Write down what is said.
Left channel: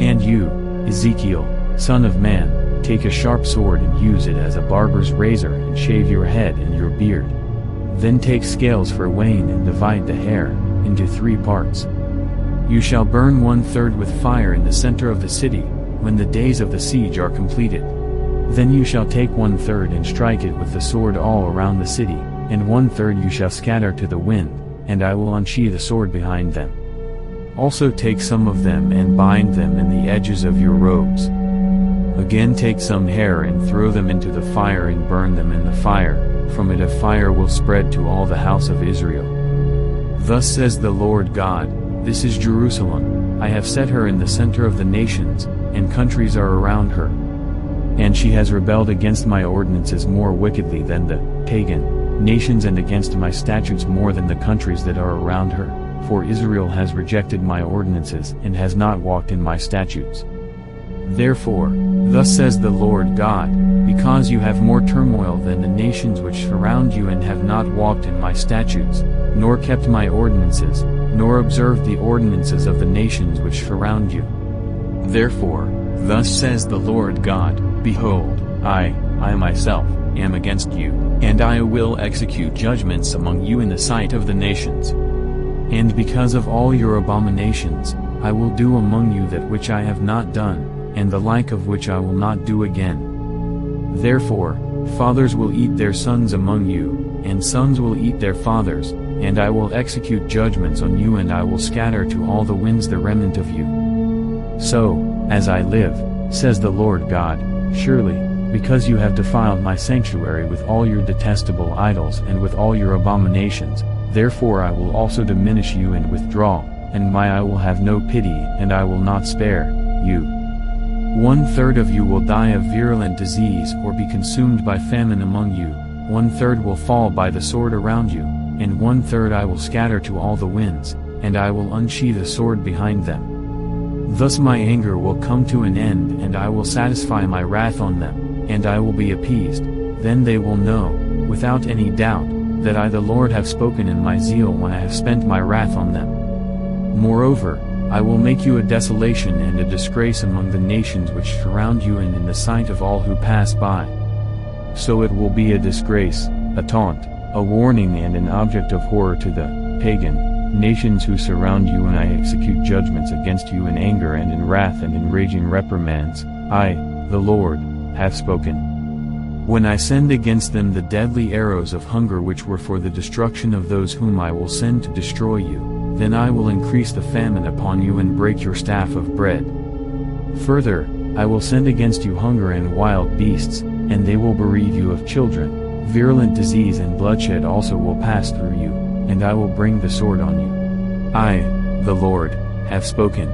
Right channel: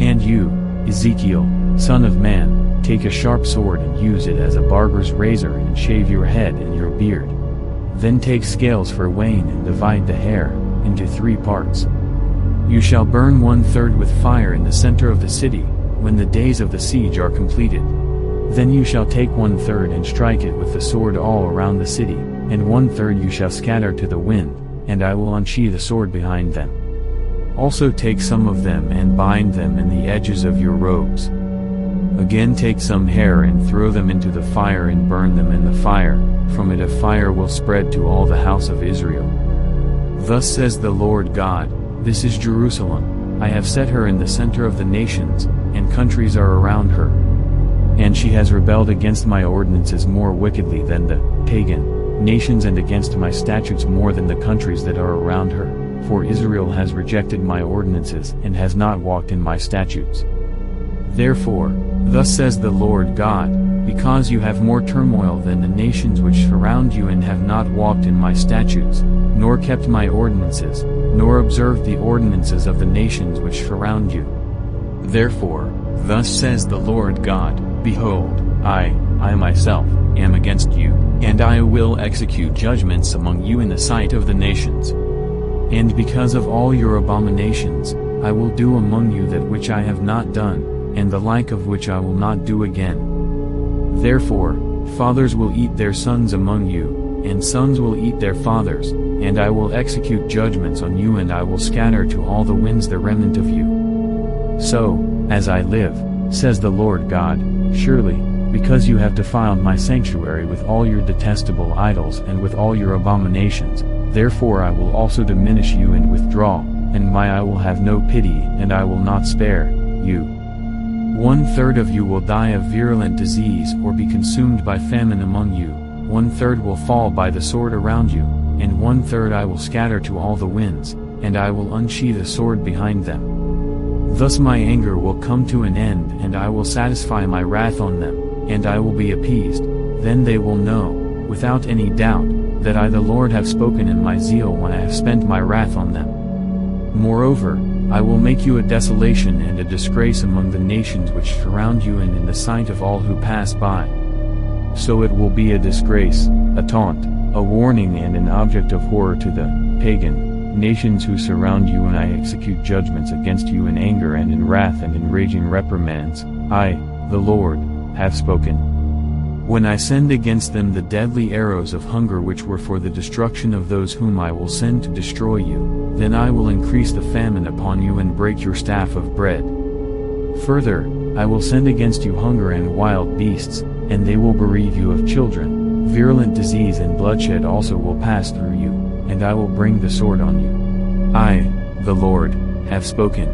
And you, Ezekiel, son of man, take a sharp sword and use it as a barber's razor and shave your head and your beard. Then take scales for weighing and divide the hair into 3 parts. You shall burn 1/3 with fire in the center of the city, when the days of the siege are completed. Then you shall take 1/3 and strike it with the sword all around the city, and 1/3 you shall scatter to the wind, and I will unsheathe the sword behind them. Also take some of them and bind them in the edges of your robes. Again take some hair and throw them into the fire and burn them in the fire, from it a fire will spread to all the house of Israel. Thus says the Lord God, this is Jerusalem, I have set her in the center of the nations, and countries are around her. And she has rebelled against my ordinances more wickedly than the pagan nations and against my statutes more than the countries that are around her, for Israel has rejected my ordinances and has not walked in my statutes. Therefore, thus says the Lord God, because you have more turmoil than the nations which surround you and have not walked in my statutes, nor kept my ordinances, nor observed the ordinances of the nations which surround you. Therefore, thus says the Lord God, behold, I myself, am against you, and I will execute judgments among you in the sight of the nations. And because of all your abominations, I will do among you that which I have not done, and the like of which I will not do again. Therefore, fathers will eat their sons among you, and sons will eat their fathers, and I will execute judgments on you and I will scatter to all the winds the remnant of you. So, as I live, says the Lord God, surely, because you have defiled my sanctuary with all your detestable idols and with all your abominations, therefore I will also diminish you and withdraw, and my eye will have no pity and I will not spare you. 1/3 of you will die of virulent disease or be consumed by famine among you, 1/3 will fall by the sword around you, and 1/3 I will scatter to all the winds, and I will unsheathe a sword behind them. Thus my anger will come to an end and I will satisfy my wrath on them, and I will be appeased. Then they will know, without any doubt, that I the Lord have spoken in my zeal when I have spent my wrath on them. Moreover, I will make you a desolation and a disgrace among the nations which surround you and in the sight of all who pass by. So it will be a disgrace, a taunt, a warning and an object of horror to the pagan nations who surround you when I execute judgments against you in anger and in wrath and in raging reprimands. I, the Lord, have spoken. When I send against them the deadly arrows of hunger which were for the destruction of those whom I will send to destroy you, then I will increase the famine upon you and break your staff of bread. Further, I will send against you hunger and wild beasts, and they will bereave you of children. Virulent disease and bloodshed also will pass through you, and I will bring the sword on you. I, the Lord, have spoken.